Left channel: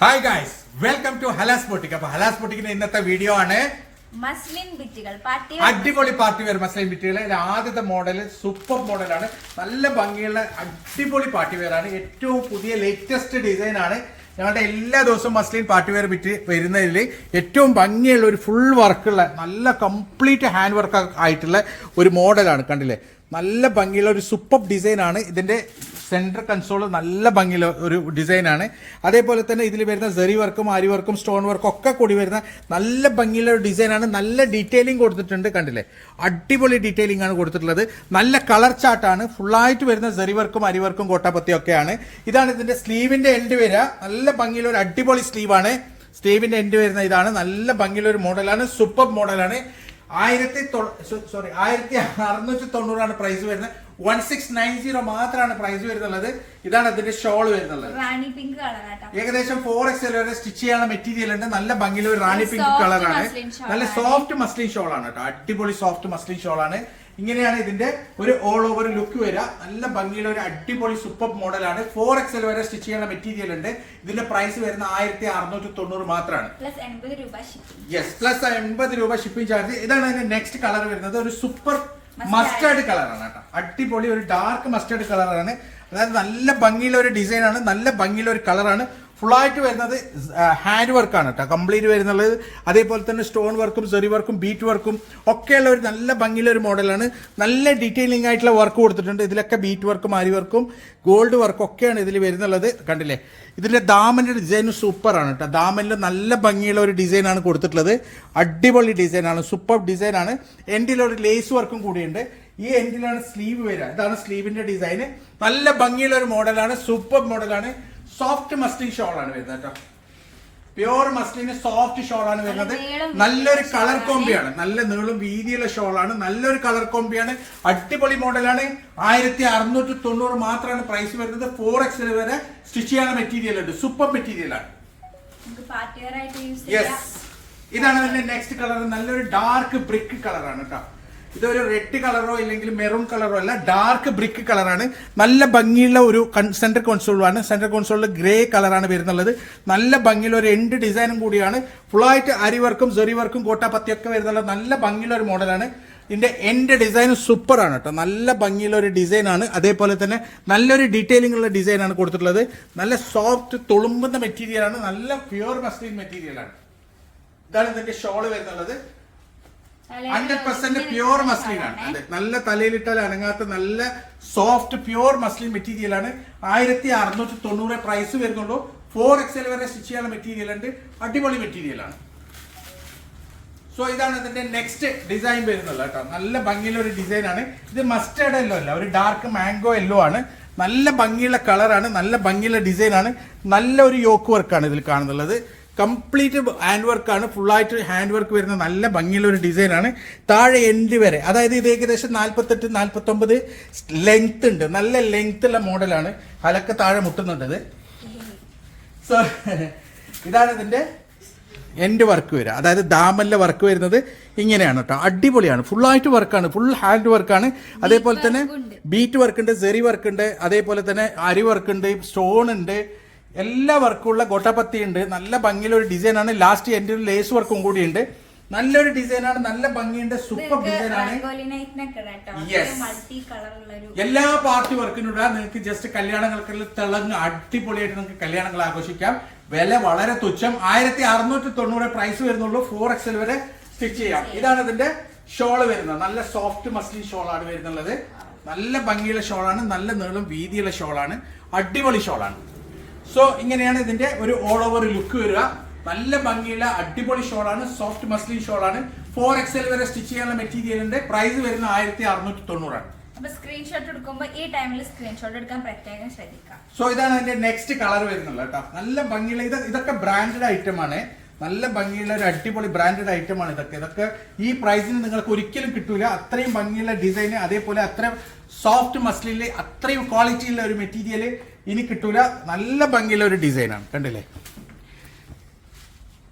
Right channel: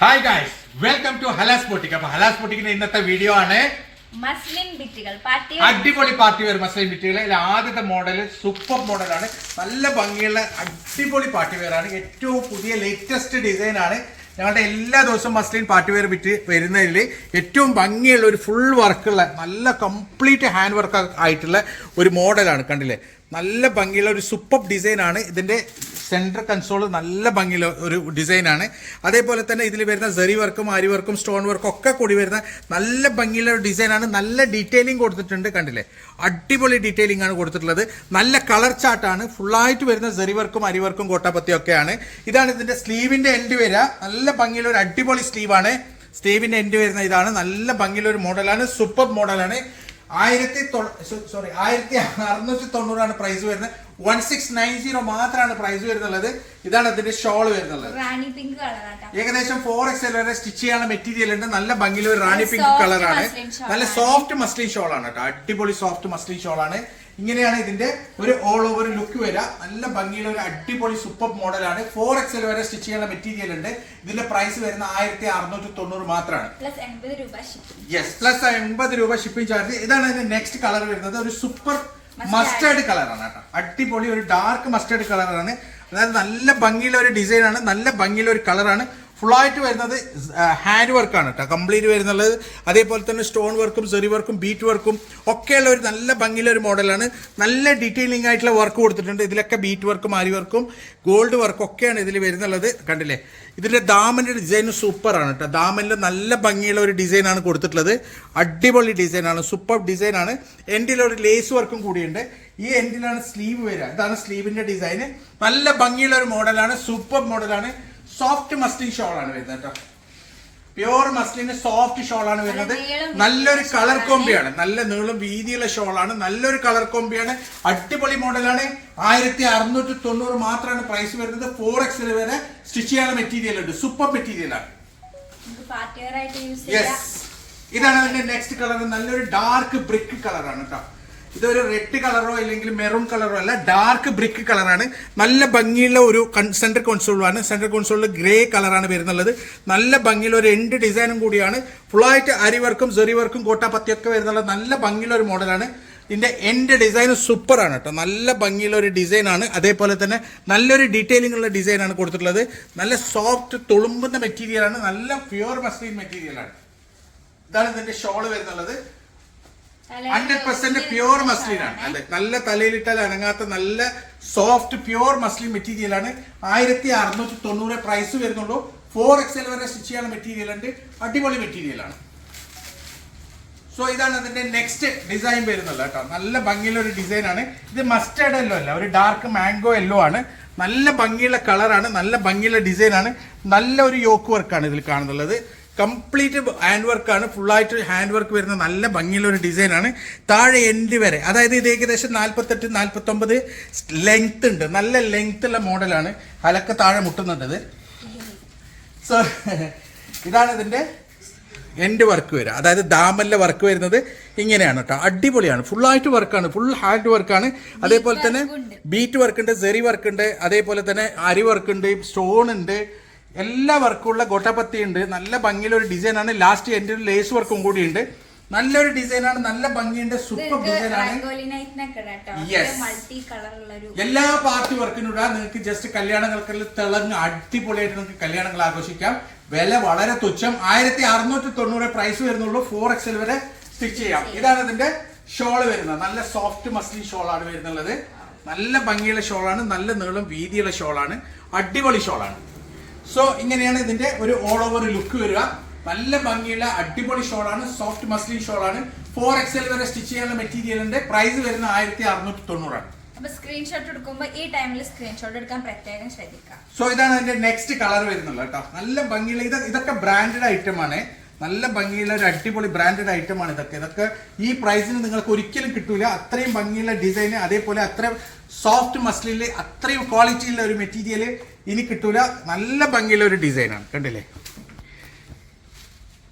Hi guys welcome to Halas boutique അപ്പൊ ഹലാസ് ബോട്ടിക്കിന്റെ ഇന്നത്തെ video ആണ് മസ്ലിൻ ബിറ്റുകൾ പാർട്ടി അടിപൊളി പാർട്ടി വെയർ മസ്ലിൻ ബിറ്റുകൾ ആദ്യത്തെ മോഡൽ സൂപ്പർ മോഡലാണ് നല്ല ഭംഗിയുള്ള അടിപൊളി പാർട്ടി വെയർ ആണ്. ഏറ്റവും പുതിയ ലേറ്റസ്റ്റ് ഡിസൈൻ ആണ്. ഞങ്ങളുടെ എല്ലാ ദിവസവും മസ്ലിൻ പാർട്ടി വെയർ ബിറ്റ് വരുന്നതിൽ ഏറ്റവും ഭംഗിയുള്ള ഒരു ഫുൾ വർക്കുള്ള നല്ല കംപ്ലീറ്റ് ഹാൻഡ് വർക്ക് ആയിട്ടുള്ള ഒരു മോഡലാണ് കണ്ടില്ലേ? നല്ല ഭംഗിയുള്ള ഒരു സൂപ്പർ ഡിസൈൻ ആണ്. ഇതിന്റെ സെൻട്രൽ കൺസോൾ നല്ല ഭംഗിയുള്ള ഒരു ഡിസൈനാണ് അതേപോലെ തന്നെ ഇതിൽ വരുന്ന സെറി വർക്കും ആരി വർക്കും സ്റ്റോൺ വർക്കും ഒക്കെ കൂടി വരുന്ന നല്ല ഭംഗിയുള്ള ഒരു ഡിസൈനാണ് നല്ല ഡീറ്റെയിലിംഗ് കൊടുത്തിട്ടുണ്ട് കണ്ടില്ലേ? അടിപൊളി ഡീറ്റെയിലിംഗ് ആണ് കൊടുത്തിട്ടുള്ളത്. നല്ല കളർ ചാർട്ടാണ് ഫുള്ളായിട്ട് വരുന്ന സെറി വർക്കും അരി വർക്കും കോട്ടാപ്പത്തിയും ഒക്കെയാണ്. ഇതാണ് ഇതിന്റെ സ്ലീവിന്റെ എൻഡ് വരിക നല്ല ഭംഗിയുള്ള ഒരു അടിപൊളി സ്ലീവാണ് സ്ലീവിന്റെ എൻഡ് വരുന്ന ഇതാണ്. നല്ല ഭംഗിയുള്ള ഒരു മോഡലാണ് സൂപ്പർ മോഡലാണ് ആയിരത്തി സോറി ആയിരത്തി അറുന്നൂറ്റി തൊണ്ണൂറാണ് പ്രൈസ് വരുന്നത്. വൺ സിക്സ് നയൻ സീറോ മാത്രമാണ് പ്രൈസ് വരുന്നുള്ളത്. ഇതാണ് അതിന്റെ ഷോൾ വരുന്നുള്ളത്. റാണി പിങ്ക് കളറാട്ടാ ഏകദേശം ഫോർ എക്സ് വരെ സ്റ്റിച്ച് ചെയ്യാനുള്ള മെറ്റീരിയൽ ഉണ്ട്. നല്ല ഭംഗിയിൽ ഒരു റാണി പിങ്ക് കളറാണ് നല്ല സോഫ്റ്റ് മസ്ലിൻ ഷോൾ ആണ് കേട്ടോ. അടിപൊളി സോഫ്റ്റ് മസ്ലിൻ ഷോൾ ആണ്. ഇങ്ങനെയാണ് ഇതിന്റെ ഒരു ഓൾ ഓവർ ലുക്ക് വരിക. നല്ല ഭംഗിയുള്ള ഒരു അടിപൊളി സൂപ്പർ മോഡലാണ് ഫോർ എക്സൽ വരെ സ്റ്റിച്ച് ചെയ്യുന്ന മെറ്റീരിയൽ ഉണ്ട്. ഇതിന്റെ പ്രൈസ് വരുന്ന ആയിരത്തി അറുന്നൂറ്റി തൊണ്ണൂറ് മാത്രമാണ്. പ്ലസ് എൺപത് രൂപ ഷിപ്പിംഗ് യെസ് പ്ലസ് എൺപത് രൂപ ഷിപ്പിംഗ് ചാർജ് ഇതാണ് ഇതിന്റെ നെക്സ്റ്റ് കളർ വരുന്നത്. ഒരു സൂപ്പർ. മസ്റ്റേർഡ് കളറാണ് കേട്ടോ. അടിപൊളി ഒരു ഡാർക്ക് മസ്റ്റേർഡ് കളറാണ് അതായത് നല്ല ഭംഗിയുള്ള ഒരു ഡിസൈനാണ് നല്ല ഭംഗിയുള്ള ഒരു കളറാണ് ഫുള്ളായിട്ട് വരുന്നത് ഹാൻഡ് വർക്കാണ് കേട്ടോ കംപ്ലീറ്റ് വരുന്നുള്ളത് അതേപോലെ തന്നെ സ്റ്റോൺ വർക്കും സെറി വർക്കും ബീറ്റ് വർക്കും ഒക്കെയുള്ള ഒരു നല്ല ഭംഗിയുള്ള ഒരു മോഡലാണ്. നല്ല ഡീറ്റെയിലിംഗ് ആയിട്ടുള്ള വർക്ക് കൊടുത്തിട്ടുണ്ട്. ഇതിലൊക്കെ ബീറ്റ് വർക്കും ആരി വർക്കും ഗോൾഡ് വർക്കും ഒക്കെയാണ് ഇതിൽ വരുന്നുള്ളത്. കണ്ടില്ലേ? ഇതിന്റെ ദാമന്റെ ഡിസൈൻ സൂപ്പറാണ് കേട്ടോ ദാമനിൽ നല്ല ഭംഗിയുള്ള ഒരു ഡിസൈനാണ് കൊടുത്തിട്ടുള്ളത്. അടിപൊളി ഡിസൈനാണ് സൂപ്പർ ഡിസൈനാണ് എൻഡിലൊരു ലേസ് വർക്കും കൂടിയുണ്ട്. ഈ എൻഡിലാണ് സ്ലീവ് വരിക. ഇതാണ് സ്ലീവിന്റെ ഡിസൈന് നല്ല ഭംഗിയുള്ള ഒരു മോഡലാണ് സൂപ്പർ മോഡലാണ് സോഫ്റ്റ് മസ്ലിൻ ഷോൾ ആണ് വരുന്നത് കേട്ടോ. പ്യുവർ മസ്ലിന് സോഫ്റ്റ് ഷോൾ ആണ് വരുന്നത്. നല്ലൊരു കളർ കോമ്പിയാണ് നല്ല നീളും വീതിയുള്ള ഷോളാണ് നല്ലൊരു കളർ കോമ്പിയാണ് അടിപൊളി മോഡലാണ് ആയിരത്തി അറുന്നൂറ്റി തൊണ്ണൂറ് മാത്രമാണ് പ്രൈസ് വരുന്നത്. ഫോർ എക്സിൽ വരെ സ്റ്റിച്ച് ചെയ്യുന്ന മെറ്റീരിയൽ ഉണ്ട്. സൂപ്പർ ചെയ്യാം. യെസ് ഇതാണ് അതിന്റെ നെക്സ്റ്റ് കളർ നല്ലൊരു ഡാർക്ക് ബ്രിക്ക് കളറാണ് കേട്ടോ. ഇതൊരു റെഡ് കളറോ അല്ലെങ്കിൽ മെറൂൺ കളറോ അല്ല ഡാർക്ക് ബ്രിക്ക് കളറാണ് നല്ല ഭംഗിയുള്ള ഒരു സെന്റർ കോൺസോളാണ് സെന്റർ കോൺസോളിൽ ഗ്രേ കളറാണ് വരുന്നുള്ളത്. നല്ല ഭംഗിയുള്ള ഒരു എൻഡ് ഡിസൈനും കൂടിയാണ്. ഫുള്ളായിട്ട് അരി വർക്കും സെറി വർക്കും കോട്ടാപ്പത്തിയൊക്കെ വരുന്നുള്ള നല്ല ഭംഗിയുള്ള ഒരു മോഡലാണ് ഇതിന്റെ എൻഡ് ഡിസൈൻ സൂപ്പർ ആണ് കേട്ടോ നല്ല ഭംഗിയുള്ള ഒരു ഡിസൈൻ ആണ്. അതേപോലെ തന്നെ നല്ലൊരു ഡീറ്റെയിലിംഗ് ഉള്ള ഡിസൈൻ ആണ് കൊടുത്തിട്ടുള്ളത്. നല്ല സോഫ്റ്റ് തുളുമ്പുന്ന മെറ്റീരിയൽ ആണ്. നല്ല പ്യുവർ മസ്ലിൻ മെറ്റീരിയലാണ് ഇതാണ് ഇതിന്റെ ഷോൾ വരുന്നുള്ളത്. ഹൺഡ്രഡ് പെർസെന്റ് പ്യുവർ മസ്ലിൻ ആണ്. അതെ നല്ല തലയിലിട്ടാൽ അനങ്ങാത്ത നല്ല സോഫ്റ്റ് പ്യുവർ മസ്ലിൻ മെറ്റീരിയൽ ആണ്. ആയിരത്തി അറുന്നൂറ്റി തൊണ്ണൂറ് പ്രൈസ് വരുന്നുള്ളൂ. ഫോർ എക്സൽ വരെ സ്റ്റിച്ച് ചെയ്യുന്ന മെറ്റീരിയൽ ഉണ്ട്. അടിപൊളി മെറ്റീരിയൽ ആണ്. സോ ഇതാണ് അതിന്റെ നെക്സ്റ്റ് ഡിസൈൻ വരുന്നത് കേട്ടോ. നല്ല ഭംഗിയുള്ള ഒരു ഡിസൈൻ ആണ്. ഇത് മസ്റ്റേർഡ് എല്ലോ അല്ല ഒരു ഡാർക്ക് മാംഗോ എല്ലോ ആണ്. നല്ല ഭംഗിയുള്ള കളറാണ് നല്ല ഭംഗിയുള്ള ഡിസൈൻ ആണ്. നല്ല ഒരു യോക്ക് വർക്കാണ് ഇതിൽ കാണുന്നുള്ളത്. കംപ്ലീറ്റ് ഹാൻഡ് വർക്കാണ് ഫുള്ളായിട്ട് ഹാൻഡ് വർക്ക് വരുന്ന നല്ല ഭംഗിയുള്ള ഒരു ഡിസൈനാണ് താഴെ എൻഡ് വരെ അതായത് ഇത് ഏകദേശം നാൽപ്പത്തെട്ട് നാൽപ്പത്തൊമ്പത് ലെങ്ത് ഉണ്ട്. നല്ല ലെങ്ത് ഉള്ള മോഡലാണ് അലക്ക താഴെ മുട്ടുന്നുണ്ട് ഇത്. സോ ഇതാണ് ഇതിന്റെ എൻഡ് വർക്ക് വരിക. അതായത് ദാമലിലെ വർക്ക് വരുന്നത് ഇങ്ങനെയാണ് കേട്ടോ അടിപൊളിയാണ്. ഫുള്ളായിട്ട് വർക്കാണ് ഫുൾ ഹാൻഡ് വർക്കാണ് അതേപോലെ തന്നെ ബീറ്റ് വർക്ക് ഉണ്ട്. സെറി വർക്ക് ഉണ്ട് അതേപോലെ തന്നെ അരി വർക്ക് ഉണ്ട് സ്റ്റോൺ ഉണ്ട്. എല്ലാ വർക്കുള്ള ഗോട്ടപ്പത്തി ഉണ്ട് നല്ല ഭംഗിയുള്ള ഒരു ഡിസൈനാണ്. ലാസ്റ്റ് എൻഡിൽ ലേസ് വർക്കും കൂടി ഉണ്ട് നല്ലൊരു ഡിസൈനാണ്. നല്ല ഭംഗിയുണ്ട്. സൂപ്പർ ഡിസൈനാണ് ഒരു എല്ലാ പാർട്ടി വർക്കിനും ഇടാം. നിങ്ങൾക്ക് ജസ്റ്റ് കല്യാണങ്ങൾക്ക് തിളങ്ങ് അടിപൊളിയായിട്ട് നിങ്ങൾക്ക് കല്യാണങ്ങൾ ആഘോഷിക്കാം. വില വളരെ തുച്ഛം. ആയിരത്തി അറുന്നൂറ്റി തൊണ്ണൂറ് പ്രൈസ് വരുന്നുള്ളൂ ഫോർ എക്സൽ വരെ സ്റ്റിച്ച് ചെയ്യാം. ഇതാണ് ഇതിന്റെ ഷോൾ വരുന്നത്. നല്ല സോഫ്റ്റ് മസ്ലിൻ ഷോളാണ് വരുന്നുള്ളത്. നല്ല ഭംഗിയുള്ള ഷോളാണ് നല്ല നീളം വീതിയുള്ള ഷോളാണ് അടിപൊളി ഷോളാണ് സോ ഇങ്ങനെയാണ് ഇതിന്റെ ഒരു ഓൾ ഓവർ ലുക്ക് വരിക. നല്ല ഭംഗിയുള്ള അടിപൊളി ഷോൾ ആണ്. സോഫ്റ്റ് മസ്ലിൻ ഷോൾ ഷോളാണ് ഫോർ എക്സൽ വരെ സ്റ്റിച്ച് ചെയ്യാനുള്ള മെറ്റീരിയലിന്റെ പ്രൈസ് വരുന്ന ആയിരത്തി അറുന്നൂറ്റി തൊണ്ണൂറാണ് അപ്പൊ സ്ക്രീൻഷോട്ട് എടുക്കുമ്പോൾ ഈ ടൈമിൽ സ്ക്രീൻഷോട്ട് എടുക്കാൻ പ്രത്യേകം ശ്രദ്ധിക്കാം സോ ഇതാണ് അതിന്റെ നെക്സ്റ്റ് കളർ വരുന്നുള്ളത് കേട്ടോ. നല്ല ഭംഗിയുള്ള ഇത് ഇതൊക്കെ ബ്രാൻഡഡ് ഐറ്റം ആണ്. നല്ല ഭംഗിയുള്ള ഒരു അടിപൊളി ബ്രാൻഡഡ് ഐറ്റം ആണ് ഇതൊക്കെ. ഇതൊക്കെ ഈ പ്രൈസിന് നിങ്ങൾക്ക് ഒരിക്കലും കിട്ടൂല. അത്രയും ഭംഗിയുള്ള ഡിസൈന് അതേപോലെ അത്രയും സോഫ്റ്റ് മസ്ലിൽ അത്രയും ക്വാളിറ്റിയുള്ള ഒരു മെറ്റീരിയൽ ഇനി കിട്ടൂല. നല്ല ഭംഗിയുള്ള ഒരു ഡിസൈനാണ് കണ്ടില്ലേ?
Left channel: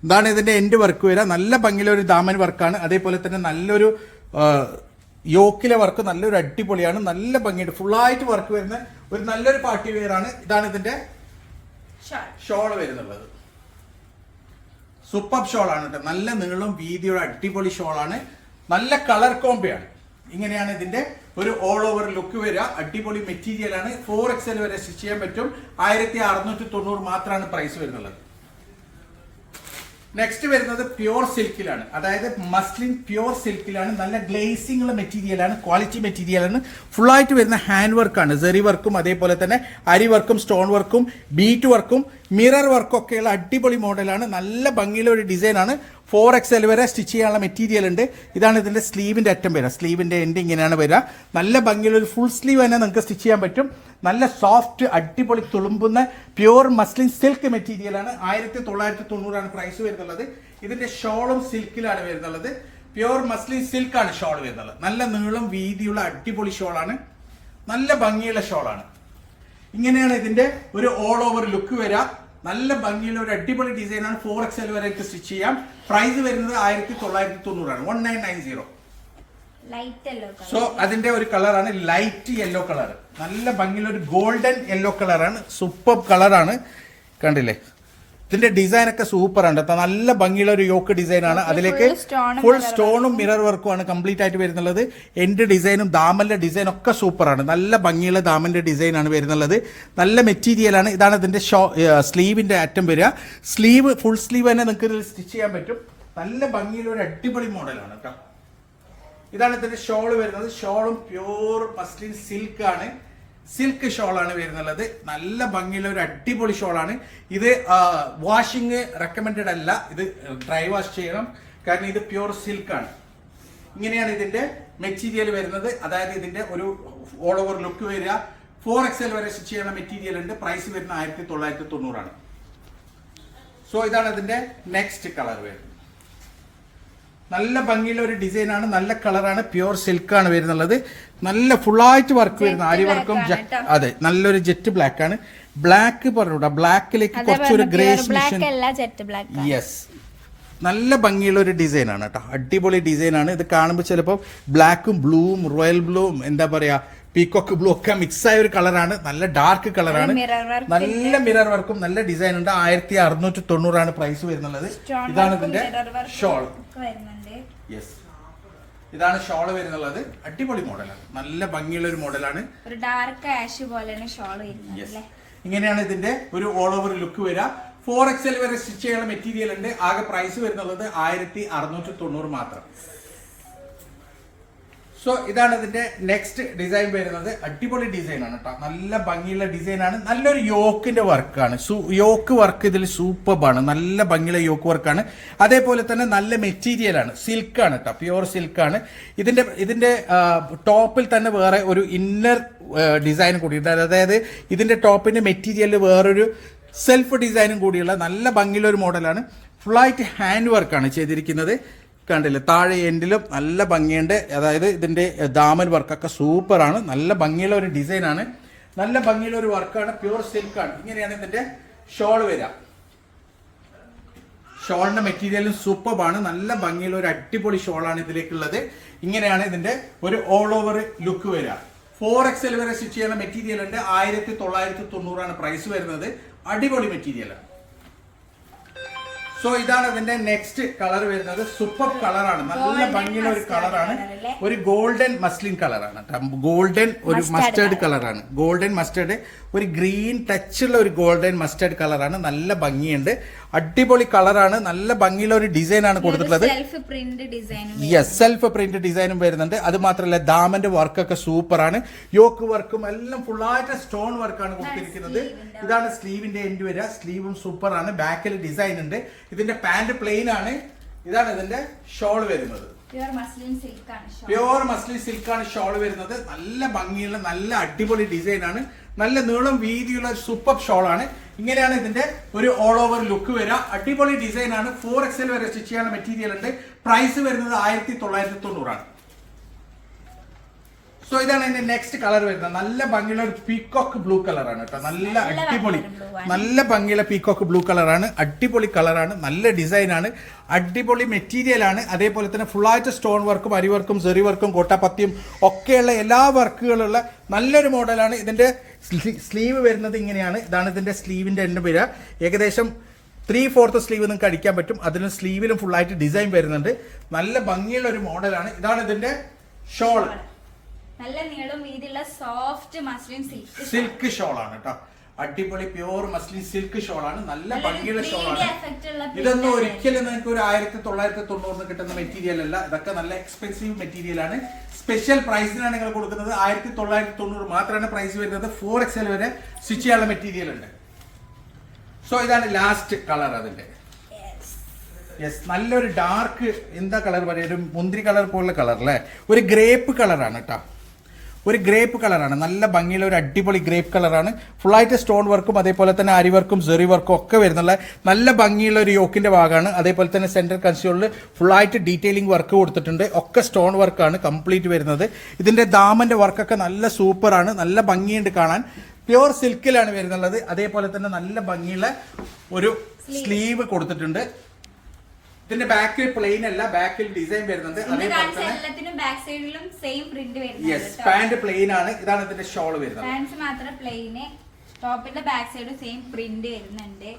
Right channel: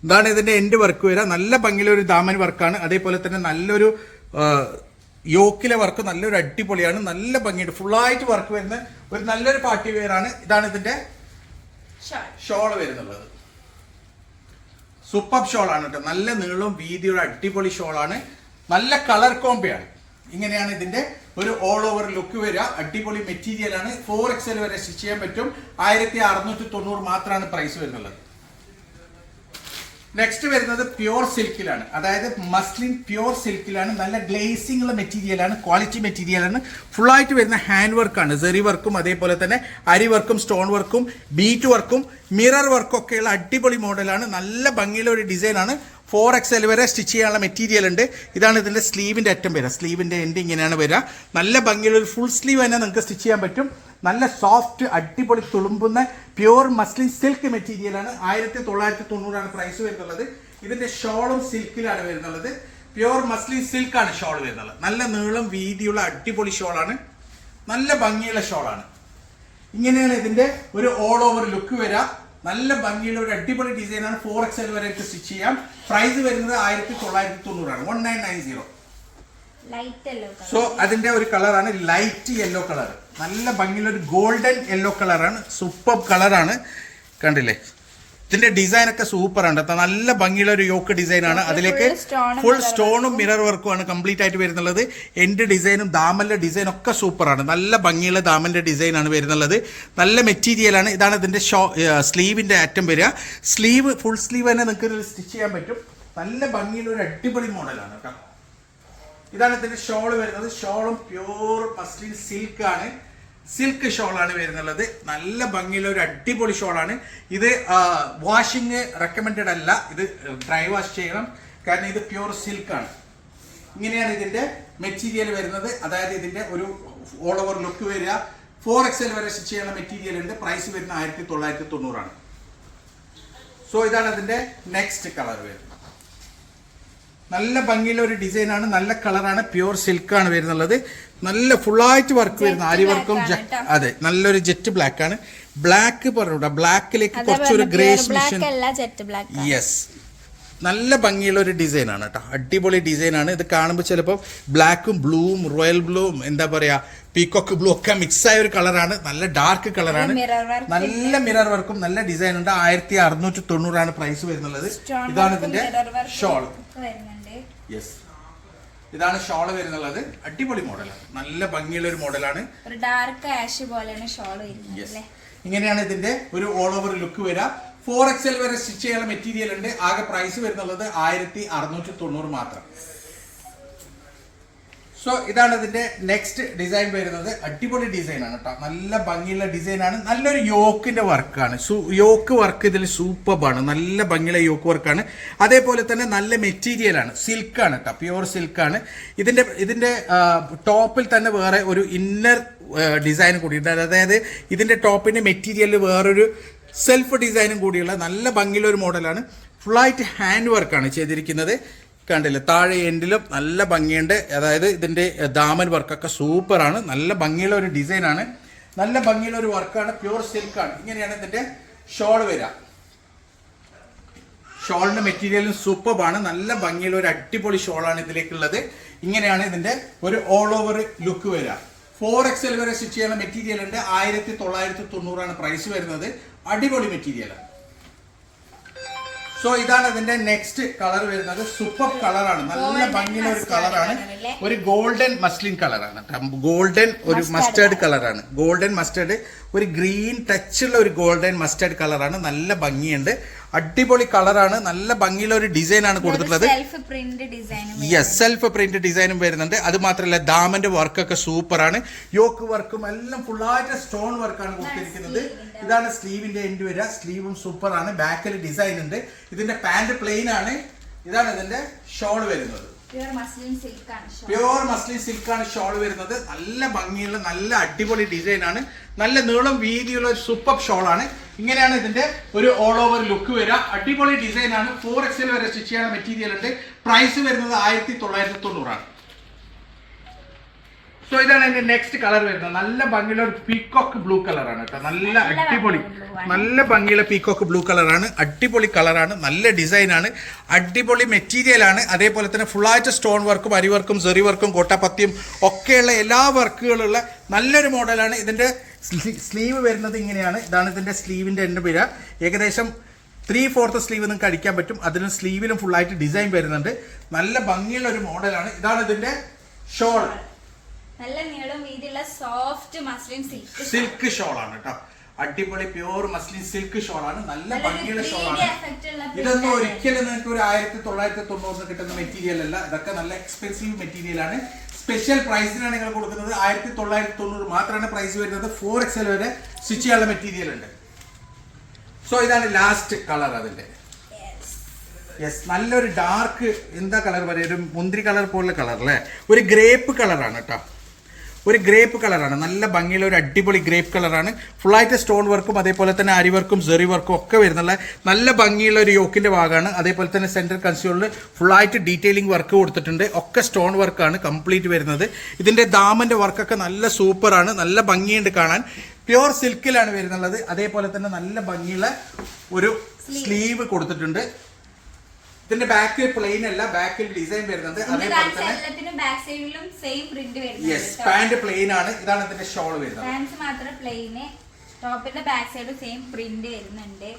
ഇതാണ് ഇതിന്റെ എൻഡ് വർക്ക് വരിക. നല്ല ഭംഗിയുള്ള ഒരു ദാമൻ വർക്കാണ് അതേപോലെ തന്നെ നല്ലൊരു യോക്കിലെ വർക്ക് നല്ലൊരു അടിപൊളിയാണ്. നല്ല ഭംഗിയുണ്ട്. ഫുള്ളായിട്ട് വർക്ക് വരുന്ന ഒരു നല്ലൊരു പാർട്ടി വെയർ ആണ്. ഇതാണ് ഇതിന്റെ ഷോർട്ട് ഷോൾ വരുന്നുള്ളത് സൂപ്പർ ഷോളാണ് കേട്ടോ. നല്ല നീളവും വീതിയുടെ അടിപൊളി ഷോളാണ് നല്ല കളർ കോമ്പയാണ് ഇങ്ങനെയാണ് ഇതിന്റെ ഒരു ഓൾ ഓവർ ലുക്ക് വരിക. അടിപൊളി മെറ്റീരിയൽ ആണ്. ഫോർ എക്സൽ വരെ സ്റ്റിച്ച് ചെയ്യാൻ പറ്റും. ആയിരത്തി അറുന്നൂറ്റി തൊണ്ണൂറ് മാത്രമാണ് പ്രൈസ് വരുന്നുള്ളത്. നെക്സ്റ്റ് വരുന്നത് പ്യോർ സിൽക്കിലാണ് അതായത് മസ്ലിൻ പ്യോർ സിൽക്കിലാണ് നല്ല ഗ്ലേസിംഗ് ഉള്ള മെറ്റീരിയലാണ് ക്വാളിറ്റി മെറ്റീരിയലാണ് ഫുൾ ആയിട്ട് വരുന്ന ഹാൻഡ് വർക്കാണ് സെറി വർക്കും അതേപോലെ തന്നെ അരി വർക്കും സ്റ്റോൺ വർക്കും ബീറ്റ് വർക്കും മിറർ വർക്കും ഒക്കെയുള്ള അടിപൊളി മോഡലാണ് നല്ല ഭംഗിയുള്ള ഒരു ഡിസൈനാണ് ഫോർ എക്സ് എൽ വരെ സ്റ്റിച്ച് ചെയ്യാനുള്ള മെറ്റീരിയൽ ഉണ്ട്. ഇതാണ് ഇതിന്റെ സ്ലീവിന്റെ അറ്റം വരിക. സ്ലീവിന്റെ എൻഡ് ഇങ്ങനെയാണ് വരിക. നല്ല ഭംഗിയുള്ള ഒരു ഫുൾ സ്ലീവ് തന്നെ നിങ്ങൾക്ക് സ്റ്റിച്ച് ചെയ്യാൻ പറ്റും. നല്ല സോഫ്റ്റ് അടിപൊളി തുളുമ്പുന്ന പ്യുവർ മസ്ലിൻ സിൽക്ക് മെറ്റീരിയലാണ് ആയിരത്തി തൊള്ളായിരത്തി തൊണ്ണൂറാണ് പ്രൈസ് വരുന്നുള്ളത്. ഇതിന്റെ ഷോളും സിൽക്കിലാണ് വരുന്നുള്ളത്. പ്യുവർ മസ്ലിൻ സിൽക്കാണ് ഷോൾ വരുന്നത് നല്ല നീളം വീതിയുള്ള അടിപൊളി ഷോളാണ് നല്ല ഭംഗിയുള്ള ഷോളാണ് ഇങ്ങനെയാണ് ഇതിന്റെ ഒരു ഓൾ ഓവർ ലുക്ക് വരിക. നല്ല ഭംഗിയുള്ള ഒരു അടിപൊളി ഡിസൈനാണ് ഫോർ എക്സ് എൽ വരെ സ്റ്റിച്ച് ചെയ്യാം. പ്രൈസ് വരുന്നത് ആയിരത്തി തൊള്ളായിരത്തി തൊണ്ണൂറാണ് one nine nine zero so അതിന്റെ ഒരു കളറാണ് ലൈറ്റ് യെല്ലോ കളർ നല്ല ഭംഗിയുള്ള ഒരു ഗോൾഡൻ യെല്ലോ കളറാണ് സൂപ്പർ കളറാണ് കണ്ടില്ലേ? ഇതിന്റെ ഡിസൈൻ ഒക്കെ സൂപ്പർ ആണ് കേട്ടോ നല്ല ഭംഗിയുള്ള ഒരു യോക്ക് ഡിസൈൻ ആണ്. അതിലേക്ക് ഫുൾ സ്റ്റോണും മിറർ വർക്കും ആണ് കംപ്ലീറ്റ് ആയിട്ട് വരുന്നുള്ളത്. എന്റെ ഡിസൈനും ദാമന്റെ ഡിസൈൻ ഒക്കെ സൂപ്പർ ആണ്. നല്ല ഭംഗിയുള്ള ദാമന്റെ ഡിസൈൻ ആണ് വരുന്നുള്ളത്. നല്ല മെറ്റീരിയൽ ആണ്. ഇതാണ് ഇതിന്റെ ഷോ സ്ലീവിന്റെ ആറ്റം വരിക. സ്ലീവ് ഫുൾ സ്ലീവ് തന്നെ നിങ്ങൾക്ക് സ്റ്റിച്ച് ചെയ്യാൻ പറ്റും. നല്ല ഭംഗിയുള്ള ഒരു അടിപൊളി മോഡലാണ് കേട്ടോ ഇതാണ് ഇതിന്റെ ഷോൾ വരുന്നത്. ഷോളും പ്യൂർ മസ്ലിൻ സിൽക്ക് ആണ്. സിൽക്ക് ഷോളാണ് വരുന്നുള്ളത്. നല്ല ഭംഗിയുള്ള ഒരു അടിപൊളി ഷോളാണ് ഇത് വാഷിംഗ് റെക്കമെൻഡഡ് അല്ല. ഇത് ഡ്രൈ വാഷ് ചെയ്യണം. കാരണം ഇത് പ്യൂർ സിൽക്കാണ് ഇങ്ങനെയാണ് ഇതിന്റെ മെറ്റീരിയൽ വരുന്നത്. അതായത് ഇതിന്റെ ഒരു ഓൾ ഓവർ ലുക്ക് വരിക. ഫോർ എക്സ് എൽ വരെ സ്റ്റിച്ച് ചെയ്യുന്ന മെറ്റീരിയൽ ഉണ്ട്. പ്രൈസ് വരുന്ന ആയിരത്തി തൊള്ളായിരത്തി തൊണ്ണൂറാണ്. സോ ഇതാണ് അതിന്റെ നെക്സ്റ്റ് കളർ വരുന്നത്. നല്ല ഭംഗിയുള്ള ഒരു ഡിസൈനാണ് നല്ല കളറാണ് പ്യുവർ സിൽക്കാണ് വരുന്നുള്ളത്. നല്ല ഫുള്ളായിട്ട് വർക്ക് വരുന്ന ആരി വർക്കും. അതെ നല്ലൊരു ജെറ്റ് ബ്ലാക്ക് ആണ്. ബ്ലാക്ക് പറഞ്ഞൂടാ ബ്ലാക്കിലേക്ക് കുറച്ചൊരു ഗ്രേഷ് യെസ് നല്ല ഭംഗിയുള്ള ഒരു ഡിസൈൻ ആണ്. കേട്ടോ. അടിപൊളി ഡിസൈൻ ആണ് ഇത് കാണുമ്പോൾ ചിലപ്പോൾ ബ്ലാക്കും ബ്ലൂവും റോയൽ ബ്ലൂവും എന്താ പറയാ പീകോക്ക് ബ്ലൂ ഒക്കെ മിക്സ് ആയ ഒരു കളറാണ് നല്ല ഡാർക്ക് കളറാണ് നല്ല നല്ല മിറർ വർക്കും നല്ല ഡിസൈൻ ഉണ്ട്. ആയിരത്തി അറുന്നൂറ്റി തൊണ്ണൂറാണ് പ്രൈസ് വരുന്നത് ഇതാണ് ഇതിന്റെ ഷോൾ യെസ് ഇതാണ് ഷോൾ വരുന്നുള്ളത്. അടിപൊളി മോഡലാണ് നല്ല ഭംഗിയുള്ള ഒരു മോഡലാണ് ഒരു ഡാർക്ക് ആഷ് പോലെയാണ് ഷോൾ വരുന്നത് ഇങ്ങനെയാണ് ഇതിന്റെ ഒരു ഓൾ ഓവർ ലുക്ക് വരിക. ഫോർ എക്സ് വരെ സ്റ്റിച്ച് ചെയ്യാനുള്ള മെറ്റീരിയൽ ഉണ്ട്. ആകെ പ്രൈസ് വരുന്നുള്ളത് ആയിരത്തി അറുന്നൂറ്റി തൊണ്ണൂറ് മാത്രം. സോ ഇതാണ് ഇതിന്റെ നെക്സ്റ്റ് ഡിസൈൻ വരുന്നത്. അടിപൊളി ഡിസൈൻ ആണ് കേട്ടോ നല്ല ഭംഗിയുള്ള ഡിസൈൻ ആണ്. നല്ലൊരു യോക്കിന്റെ വർക്കാണ് യോക്ക് വർക്ക് ഇതിൽ സൂപ്പർബാണ് നല്ല ഭംഗിയുള്ള യോക്ക് വർക്കാണ് അതേപോലെ തന്നെ നല്ല മെറ്റീരിയൽ ആണ്. സിൽക്കാണ് കേട്ടോ പ്യുവർ ആണ്. ഇതിന്റെ ഇതിന്റെ ടോപ്പിൽ തന്നെ വേറെ ഒരു ഇന്നർ ഡിസൈൻ കൂടി ഉണ്ട് അതായത് ഇതിന്റെ ടോപ്പിന്റെ മെറ്റീരിയൽ വേറൊരു സെൽഫ് ഡിസൈനും കൂടിയുള്ള നല്ല ഭംഗിയുള്ള ഒരു മോഡലാണ് ഫുള്ളായിട്ട് ഹാൻഡ് വർക്കാണ് ചെയ്തിരിക്കുന്നത്. കണ്ടില്ലേ? താഴെ എൻഡിലും നല്ല ഭംഗിയുണ്ട്. അതായത് ഇതിന്റെ ദാമൻ വർക്കൊക്കെ സൂപ്പറാണ്. നല്ല ഭംഗിയുള്ള ഒരു ഡിസൈനാണ്. നല്ല ഭംഗിയുള്ള ഒരു വർക്കാണ്. പ്യൂർ സിൽക്കാണ് ഇങ്ങനെയാണ് ഇതിന്റെ ഷോൾ വരിക ഷോളിന്റെ മെറ്റീരിയലും സൂപ്പറാണ് നല്ല ഭംഗിയുള്ള ഒരു അടിപൊളി ഷോളാണ് ഇതിലേക്കുള്ളത്. ഇങ്ങനെയാണ് ഇതിന്റെ ഒരു ഓൾ ഓവർ ലുക്ക് വരിക ഫോർ എക്സ് എൽ വരെ സ്റ്റിച്ച് ചെയ്യുന്ന മെറ്റീരിയൽ ഉണ്ട്. ആയിരത്തി തൊള്ളായിരത്തി തൊണ്ണൂറാണ് പ്രൈസ് വരുന്നത്. അടിപൊളി മെറ്റീരിയലാണ് സോ ഇതാണ് അതിന്റെ നെക്സ്റ്റ് കളർ വരുന്നത്. സൂപ്പർ കളറാണ് നല്ല ഭംഗിയുള്ള ഒരു കളറാണ് ഒരു ഗോൾഡൻ മസ്ലിൻ കളറാണ് ഗോൾഡൻ ഒരു മസ്റ്റേർഡ് കളറാണ് ഗോൾഡൻ മസ്റ്റേർഡ് ഒരു ഗ്രീൻ ടച്ചുള്ള ഒരു ഗോൾഡൻ മസ്റ്റേർഡ് കളറാണ് നല്ല ഭംഗിയുണ്ട്. അടിപൊളി കളറാണ്. നല്ല ഭംഗിയുള്ള ഒരു ഡിസൈൻ ആണ് കൊടുത്തിട്ടുള്ളത് സെൽഫ് പ്രിന്റ് ഡിസൈനും യെസ് സെൽഫ് പ്രിന്റ് ഡിസൈനും വരുന്നുണ്ട്. അത് മാത്രമല്ല ദാമന്റെ വർക്കൊക്കെ സൂപ്പറാണ്. യോക്ക് വർക്കും എല്ലാം ഫുള്ളായിട്ട് സ്റ്റോൺ വർക്കാണ് കൊടുത്തിരിക്കുന്നത്. ഇതാണ് സ്ലീവിന്റെ എൻഡ് വരിക. സ്ലീവും സൂപ്പറാണ്. ബാക്കിൽ ഡിസൈൻ ഉണ്ട്. ഇതിന്റെ പാന്റ് പ്ലെയിൻ ആണ്. ഇതാണ് ഇതിന്റെ ഷോൾ വരുന്നത്. പ്യുവർ മസ്ലിൻ സിൽക്ക് ആണ് ഷോൾ പ്യുവർ മസ്ലിൻ സിൽക്കാണ് ഷോൾ വരുന്നത്. നല്ല ഭംഗിയുള്ള നല്ല അടിപൊളി ഡിസൈൻ ആണ്. നല്ല നീളം വീതിയുള്ള സൂപ്പർ ഷോൾ ആണ്. ഇങ്ങനെയാണ് ഇതിന്റെ ഒരു ഓൾ ഓവർ ലുക്ക് വരിക. അടിപൊളി ഡിസൈൻ ആണ്. ഫോർ എക്സൽ വരെ സ്റ്റിച്ച് ചെയ്യാനുള്ള മെറ്റീരിയൽ ഉണ്ട്. പ്രൈസ് വരുന്നത് ആയിരത്തി തൊള്ളായിരത്തി തൊണ്ണൂറാണ്. സോ ഇതാണ് എന്റെ നെക്സ്റ്റ് കളർ വരുന്നത്. നല്ല ഭംഗിയുള്ള ഒരു പീക്കോക്ക് ബ്ലൂ കളറാണ് കേട്ടോ. നല്ല അടിപൊളി. നല്ല ഭംഗിയുള്ള പീക്കോക്ക് ബ്ലൂ കളറാണ് അടിപൊളി കളറാണ് നല്ല ഡിസൈനാണ് അടിപൊളി മെറ്റീരിയൽ ആണ്. അതേപോലെ തന്നെ ഫുള്ളായിട്ട് സ്റ്റോൺ വർക്കും അരി വർക്കും സെറി വർക്കും കോട്ടാപ്പത്തിയും ഒക്കെയുള്ള എല്ലാ വർക്കുകളുള്ള നല്ലൊരു മോഡലാണ് ഇതിന്റെ സ്ലീവ് വരുന്നത് ഇങ്ങനെയാണ്. ഇതാണ് ഇതിന്റെ സ്ലീവിന്റെ എന്റെ പേര് ഏകദേശം ത്രീ ഫോർത്ത് സ്ലീവ് നിങ്ങൾക്ക് അടിക്കാൻ പറ്റും. അതിന് സ്ലീവിലും ഫുൾ ആയിട്ട് ഡിസൈൻ വരുന്നുണ്ട്. നല്ല ഭംഗിയുള്ള ഒരു മോഡലാണ് ഇതാണ് ഇതിന്റെ ഷോൾ നല്ല നീളം വീതിയുള്ള soft muslin silk silk shawl ആണ് കേട്ടോ അടിപൊളി പ്യൂർ മസ്ലിൻ സിൽക്ക് ഷോൾ ആണ് നല്ല ഭംഗിയുള്ള 3D ഷോൾ ആണ് ഇതൊന്നും ഒരിക്കലും നിങ്ങൾക്ക് ഒരു ആയിരത്തി തൊള്ളായിരത്തി തൊണ്ണൂറിന് കിട്ടുന്ന മെറ്റീരിയൽ അല്ല. ഇതൊക്കെ നല്ല എക്സ്പെൻസീവ് മെറ്റീരിയൽ ആണ്. സ്പെഷ്യൽ പ്രൈസിനാണ് നിങ്ങൾ കൊടുക്കുന്നത്. ആയിരത്തി തൊള്ളായിരത്തി തൊണ്ണൂറ് മാത്രമാണ് പ്രൈസ് വരുന്നത്. ഫോർ എക്സൽ വരെ സ്റ്റിച്ച് ചെയ്യാനുള്ള മെറ്റീരിയൽ ഉണ്ട്. സോ ഇതാണ് ലാസ്റ്റ് കളർ അതിന്റെ. യെസ് നല്ലൊരു ഡാർക്ക് എന്താ കളർ വരെ ഒരു മുന്തിരി കളർ പോലുള്ള കളർ അല്ലേ? ഒരു ഗ്രേപ്പ് കളറാണ് കേട്ടോ ഒരു ഗ്രേപ്പ് കളറാണ്. നല്ല ഭംഗിയുള്ള ഒരു അടിപൊളി ഗ്രേപ്പ് കളറാണ്. ഫുള്ളായിട്ട് സ്റ്റോൺ വർക്കും അതേപോലെ തന്നെ അരി വർക്കും സെറി വർക്കും ഒക്കെ വരുന്നുള്ള നല്ല ഭംഗിയുള്ള ഒരു യോക്കിന്റെ ഭാഗമാണ്. അതേപോലെ തന്നെ സെന്റർ കൺസ്യൂളിൽ ഫുള്ളായിട്ട് ഡീറ്റെയിലിംഗ് വർക്ക് കൊടുത്തിട്ടുണ്ട്. ഒക്കെ സ്റ്റോൺ വർക്കാണ് കംപ്ലീറ്റ് വരുന്നത്. ഇതിന്റെ ദാമന്റെ വർക്കൊക്കെ നല്ല സൂപ്പറാണ് നല്ല ഭംഗിയുണ്ട് കാണാൻ. പ്യുവർ സിൽക്കിലാണ് വരുന്നുള്ളത്. അതേപോലെ തന്നെ നല്ല ഭംഗിയുള്ള ഒരു സ്ലീവ് കൊടുത്തിട്ടുണ്ട്. ഇതിന്റെ ബാക്ക് പ്ലെയിൻ അല്ല ബാക്കിൽ ഡിസൈൻ വരുന്നത്. അതേപോലെ തന്നെ യെസ് പാന്റ് പ്ലെയിൻ ആണ്. ഇതാണ് ഇതിന്റെ ഷോൾ വരുന്നത്. മാത്രം പ്ലെയിന് ടോപ്പിന്റെ ബാക്ക് സൈഡ് സെയിം പ്രിന്റ് വരുന്നുണ്ട്.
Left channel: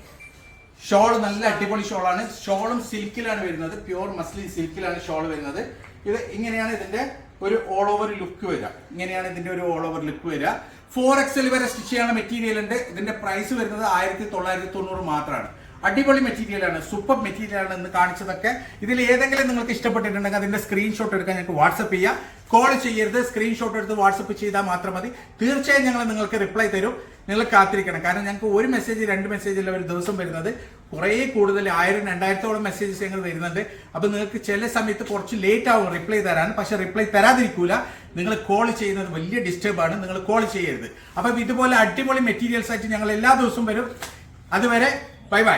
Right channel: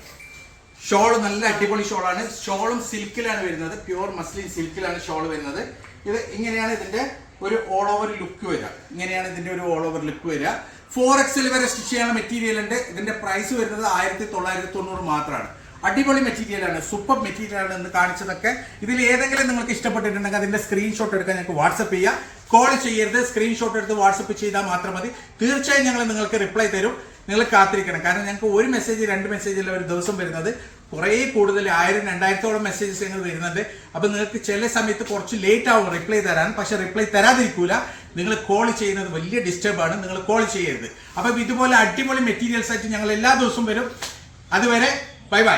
ഷോൾ നല്ല അടിപൊളി ഷോൾ ആണ്. ഷോളും സിൽക്കിലാണ് വരുന്നത്. പ്യുവർ മസ്ലിൻ സിൽക്കിലാണ് ഷോൾ വരുന്നത്. ഇത് ഇങ്ങനെയാണ് ഇതിന്റെ ഒരു ഓൾ ഓവർ ലുക്ക് വരിക. ഇങ്ങനെയാണ് ഇതിന്റെ ഒരു ഓൾ ഓവർ ലുക്ക് വരിക. ഫോർ എക്സൽ വരെ സ്റ്റിച്ച് ചെയ്യാനുള്ള മെറ്റീരിയൽ ഉണ്ട്. ഇതിന്റെ പ്രൈസ് വരുന്നത് ആയിരത്തി തൊള്ളായിരത്തി തൊണ്ണൂറ് മാത്രമാണ്. അടിപൊളി മെറ്റീരിയലാണ് സൂപ്പർ മെറ്റീരിയലാണ് എന്ന് കാണിച്ചതൊക്കെ. ഇതിൽ ഏതെങ്കിലും നിങ്ങൾക്ക് ഇഷ്ടപ്പെട്ടിട്ടുണ്ടെങ്കിൽ അതിന്റെ സ്ക്രീൻഷോട്ട് എടുക്കാൻ ഞങ്ങൾക്ക് വാട്സപ്പ് ചെയ്യാം. കോൾ ചെയ്യരുത്. സ്ക്രീൻഷോട്ട് എടുത്ത് വാട്സപ്പ് ചെയ്താൽ മാത്രം മതി. തീർച്ചയായും ഞങ്ങൾ നിങ്ങൾക്ക് റിപ്ലൈ തരും. നിങ്ങൾ കാത്തിരിക്കണം. കാരണം ഞങ്ങൾക്ക് ഒരു മെസ്സേജ് രണ്ട് മെസ്സേജ് അല്ല ഒരു ദിവസം വരുന്നത്. കുറേ കൂടുതൽ ആയിരം രണ്ടായിരത്തോളം മെസ്സേജസ് ഞങ്ങൾ വരുന്നുണ്ട്. അപ്പൊ നിങ്ങൾക്ക് ചില സമയത്ത് കുറച്ച് ലേറ്റ് ആവും റിപ്ലൈ തരാൻ. പക്ഷെ റിപ്ലൈ തരാതിരിക്കൂല. നിങ്ങൾ കോൾ ചെയ്യുന്നത് വലിയ ഡിസ്റ്റർബ് ആണ്. നിങ്ങൾ കോൾ ചെയ്യരുത്. അപ്പം ഇതുപോലെ അടിപൊളി മെറ്റീരിയൽസ് ആയിട്ട് ഞങ്ങൾ എല്ലാ ദിവസവും വരും. അതുവരെ ബൈ ബൈ.